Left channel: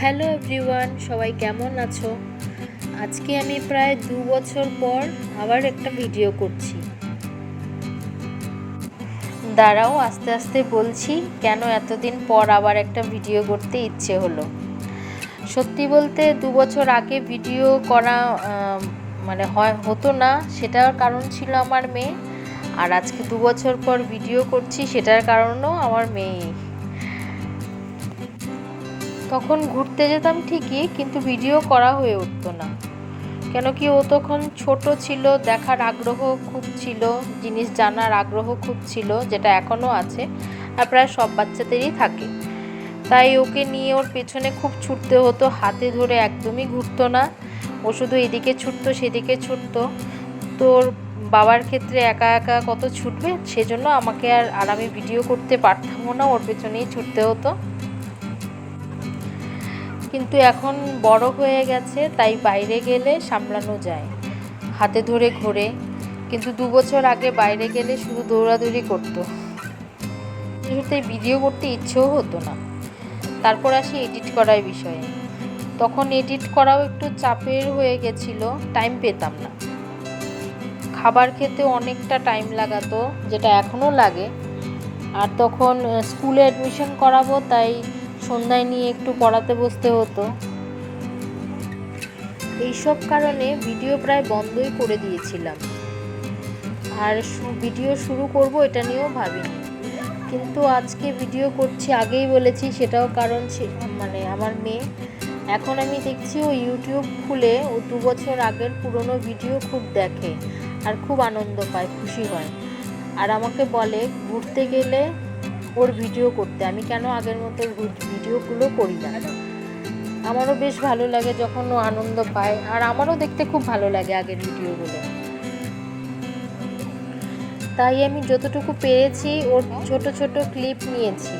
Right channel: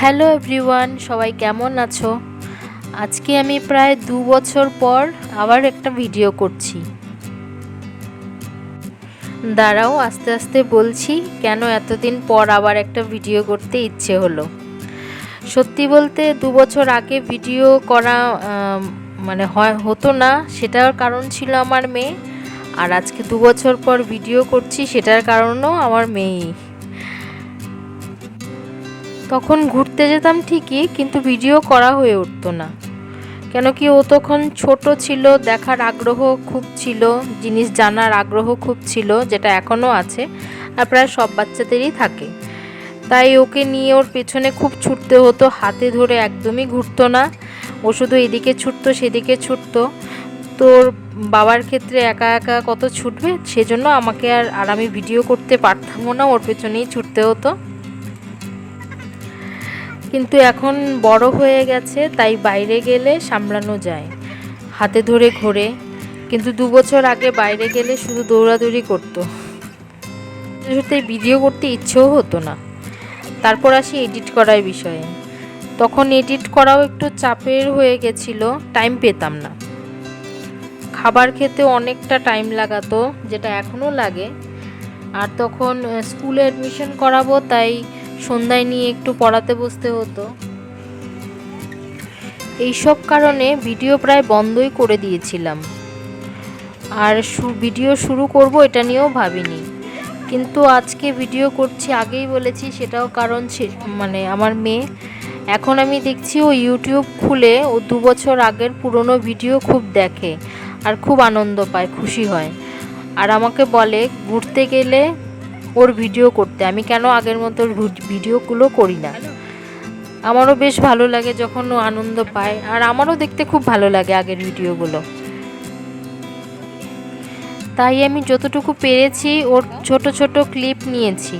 Hello everyone, সবাই কেমন আছো? আজকে আমি প্রায় 2 বছর পর আবার একটা ভিডিও করছি। দাঁড়াও, আস্তে আস্তে বলছি কেন এতদিন পর আবার একটা ভিডিও করতে ইচ্ছে হলো। সত্যি বলতে 2 বছর আগে ভিডিও করা মানে হতো না, সেটার কারণ ছিল আমার মেয়ে। আর আজকে 2 বছর পর ভিডিও করছি, সেটার কারণও আমার মেয়েই। তখন ঘুরতে যেতাম ঠিকই, কিন্তু ভিডিও করা হয়ে উঠতো না। কেন কি, ও তখন ছোট ছিল, দেখার আগ্রহ খুব ছিল, জিনিস জানার আগ্রহ খুব ছিল, যেটা এখনও আছে আর প্রায় সব বাচ্চাদেরই থাকে। তাই ওকে নিয়ে ওর পেছনে খুব ছুটতে হতো, হাতে ধরে একদমই ঘুরতো না। ও শুধু এদিকে ছুটতো সেদিকে ছুটতো। তোর বাবার ক্ষেত্রে একা একা কত ছুটবে, সেজন্য আমাকে আর আমি ভিডিও করতে পারতামও না, ওর পেছনেই ছুটতে হতো। কিন্তু এখন বড় হয়ে গেছে, তাই বাইরে গেলে সামলানো যায়, হাতে ধরে ঘোরে। কিন্তু 2 বছর আগে বাইরে গেলে শুধু দৌড়াদৌড়ি করতো, সত্যি ভিডিও করতে ইচ্ছেও হতো না। তারপর আসি এডিট করার বিষয়ে। তখন এডিট করাও একটু চাপের হয়ে গেছিল, টাইম পেতাম না। খাবার খেতে অনেকটা টাইম লাগাতো, যেটা এখনও লাগে। আর তখন স্কুলে অ্যাডমিশন করাবো, তাই সন্ধ্যায় নিয়ে একটু পড়াতে বসতে হতো। এইসব কারণে ভিডিও প্রায় বন্ধই করে দিয়েছিলাম। আর ভিডিও শুরু করব এটা নিয়েও ভাবিনি, কিন্তু আজকে ভিডিও করছি, আগেই বলেছি, সেটাও কারণ মানে আমার মেয়ে। এখন আমি দেখছি ও ইউটিউব খুলে ও 2 বছর আগের পুরনো ভিডিও খুব দেখে আর খুব আনন্দ পায়, খুশি হয়। আর আমাকে বলে ঘুরতে গেলে ওর ভিডিও করতে, আমি কেন আগের মতো ভিডিওগুলো করি না। আমারও বেশ ভালো লাগে যখন ও আনন্দ পায়, আর আমারও দেখতে খুব ভালো লাগে আগের ভিডিওগুলো। তাই আমি যতটুকু পেরেছি ওর ছোট ছোট ক্লিপ নিয়েছি।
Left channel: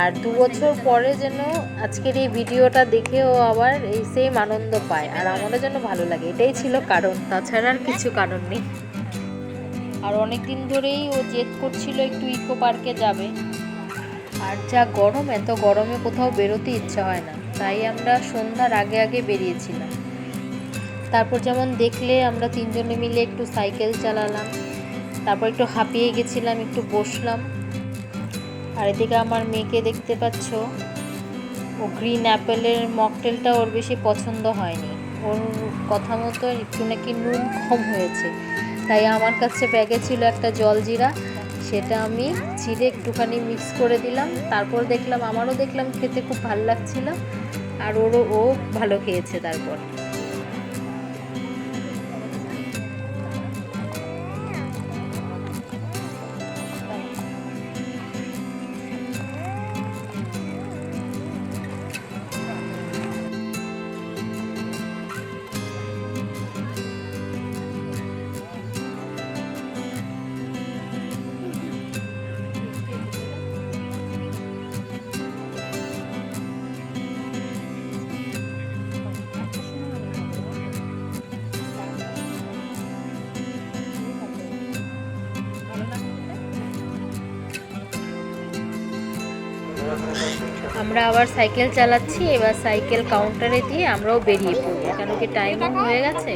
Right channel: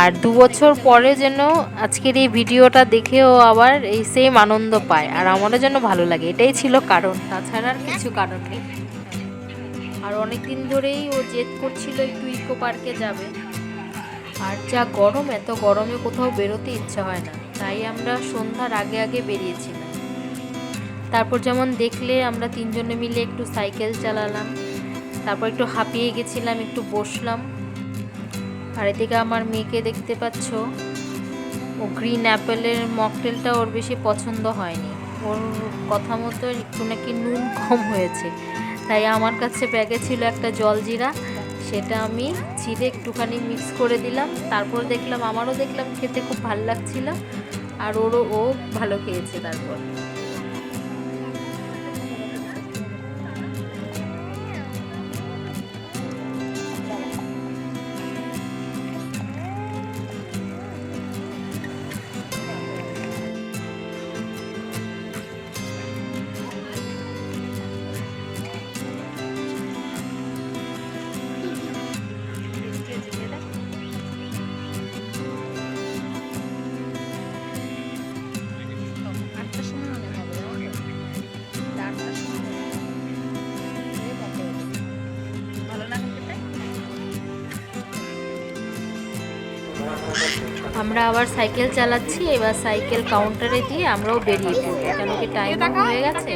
আর 2 বছর পরে যেন আজকের এই ভিডিওটা দেখেও আবার এই সেম আনন্দ পায়, আর আমারও যেন ভালো লাগে, এটাই ছিল কারণ, তাছাড়া আর কিছু কারণ নেই। আর অনেক দিন ধরেই ও জেদ করছিল একটু ইকো পার্কে যাবে। আর যা গরম, এত গরমে কোথাও বেরোতে ইচ্ছা হয় না, তাই আমরা সন্ধ্যার আগে আগে বেরিয়েছিলাম। তারপর যেমন দেখলে আমরা তিনজনে মিলে একটু সাইকেল চালালাম, তারপর একটু হাঁপিয়ে গেছিলাম, একটু বসলাম। আর এদিকে আমার মেয়েকে দেখতে পাচ্ছ, ও গ্রিন অ্যাপেলের মকটেলটা ওর বেশি পছন্দ হয়নি। ওর কথা মতো একটু নাকি নুন কম হয়েছে, তাই আমার কাছে ব্যাগে ছিল একটা জলজিরা, সেটা আমি চিড়ে একটুখানি মিক্স করে দিলাম। তারপর দেখলাম, আমারও দেখলাম খেতে খুব ভালো লাগছিল, আর ও ভালো খেয়েছে। তারপর আমরা আবার সাইকেল চালাচ্ছি, এবার সাইকেল কাউন্টারে দিয়ে আমরাও বেরিয়ে পড়বো, কেন কি টাইমও হয়ে গেছে।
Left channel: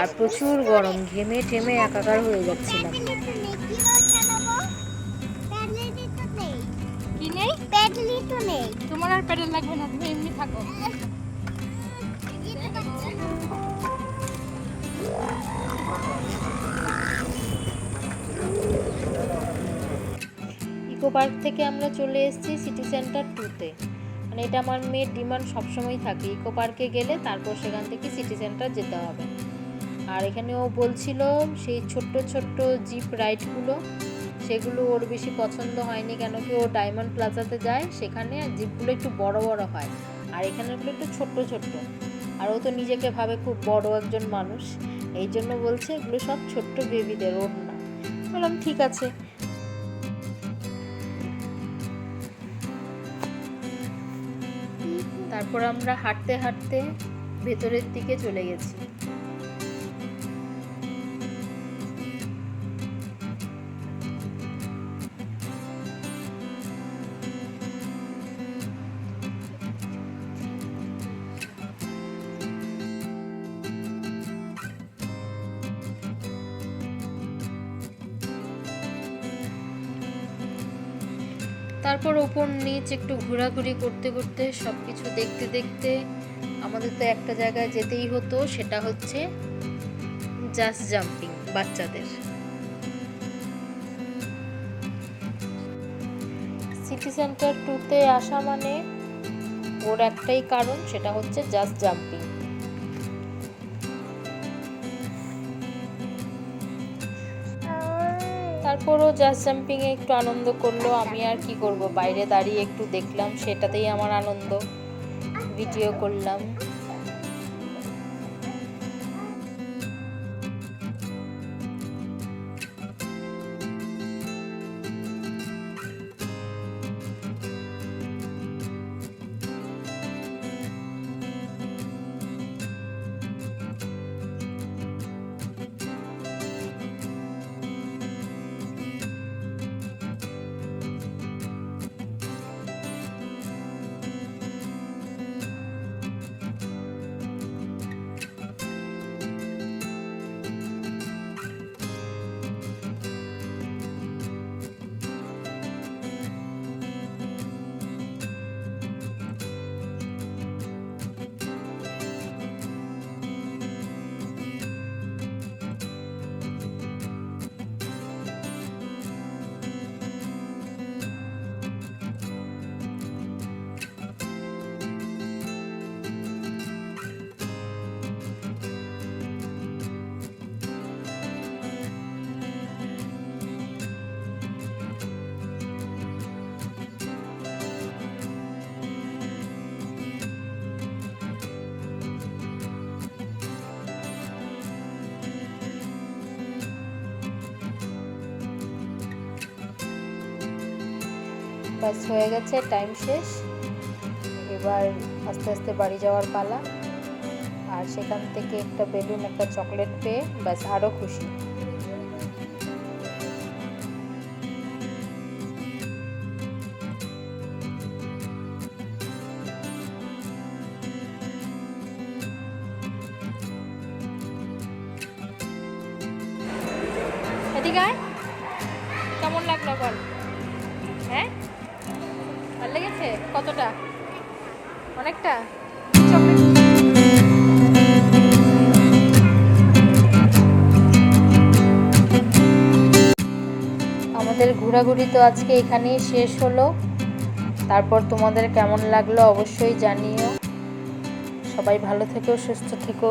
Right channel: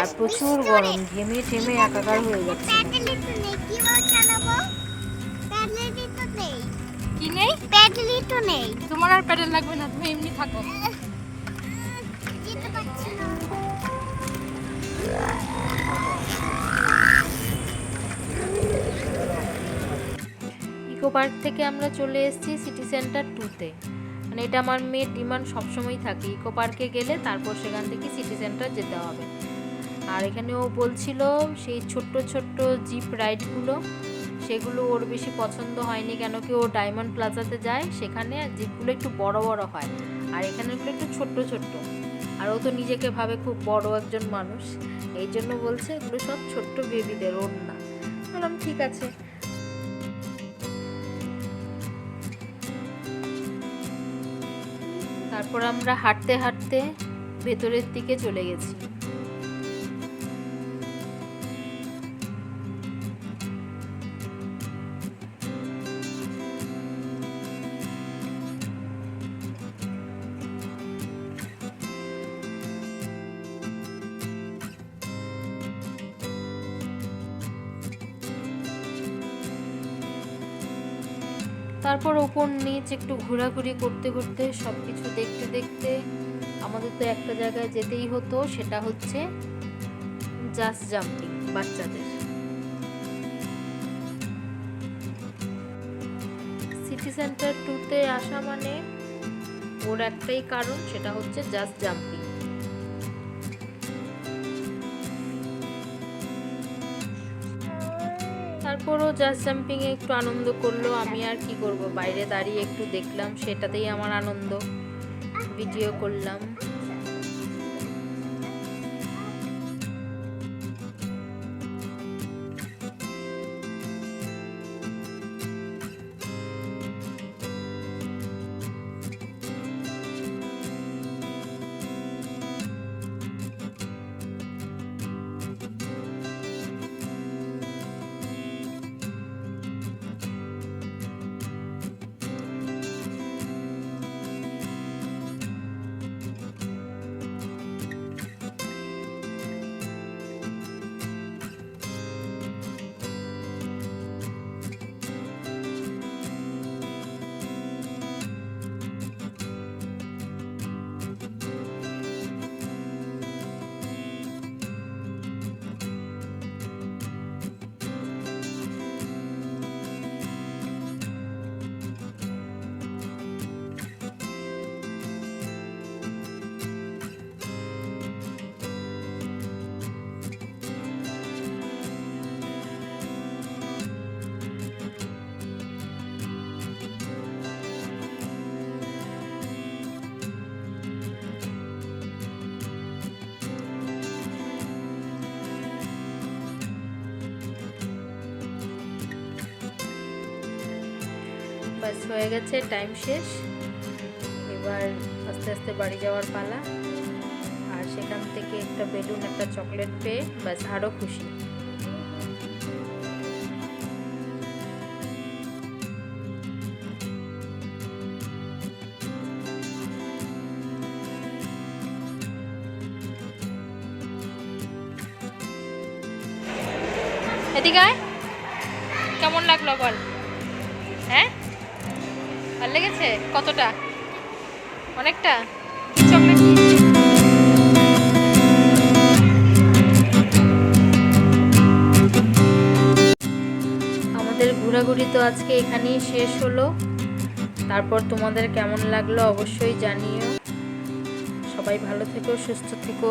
আর প্রচুর গরম, ঘেমে টেমে একাকার হয়ে যাচ্ছিলাম। কি নেই? প্যাডেলই তো নেই। তোমার আর প্যাডেল লাগবে না, তুমি এমনি থাকো। ইকো পার্ক থেকে আমরা চলে এসেছি সিটি সেন্টার 2-তে। মানে এটা আমার মেয়ের ডিমান্ড সবসময় থাকে, ইকো পার্কে গেলে তারপর সেখান থেকে সিটি সেন্টার যেতে হবে। আর এখানে ও বলছিল সেই ছোট্ট ছোট্ট জিপ রাইডগুলো, সেগুলো ওর বেশি পছন্দ হয়নি, কেন কি ও ডায়মন্ড প্লাজাতে যায়, সেখানে জিপগুলো একটু বড় বড় হয়, আর এখানেগুলো একটু ছোট্ট ছোট্ট। আর ও তো নিজেকে ভাবে খুব বড় একজন মানুষ, এই জন্য বলছে এগুলো সব ছোট্ট বেবিদের, ওর না। বললাম ঠিক আছে। তারপর আমরা হাঁটতে হাঁটতে ভেতরের দিকে চলে গেছি। তারপর ওপর নিচ একটু ঘোরাঘুরি করতে করতে সব কিছু দেখতে দেখতে আমাদের তো একটা জায়গায় যেতেই হতো, সেটা হচ্ছে জাস্ট জাম্পিং বাচ্চাদের। সিটি সেন্টার 2-তে আসা মানে ওর একটাই কারণ, সেটা হচ্ছে জাস্ট জাম্পিং। তারপরও জাস্ট জাম্পিং এ একটু আনন্দ করলো। আমি আর কি করব, বাইরে দাঁড়িয়ে একটু দেখলাম, সেটাতেই আমার আনন্দ, ভিডিও করলাম। বাস হয়ে গেছে, টাইম শেষ। এবার আস্তে আস্তে বাড়ি যাওয়ার পালা। আর সেখান থেকে একটা বেলুন, একটা চকলেট পেয়ে বাস আরও খুশি। এদিকে আয়, কেমন লাগলো বল? হ্যাঁ, ভালো লেগেছে? কতটা? অনেকটা? চকলেট আমাদের ঘোরাঘুরি তো আজকে এখানেই শেষ হলো। তারপর তোমাদের কেমন লাগলো অবশ্যই জানিও। সবাই ভালো থেকো, সুস্থ থেকো।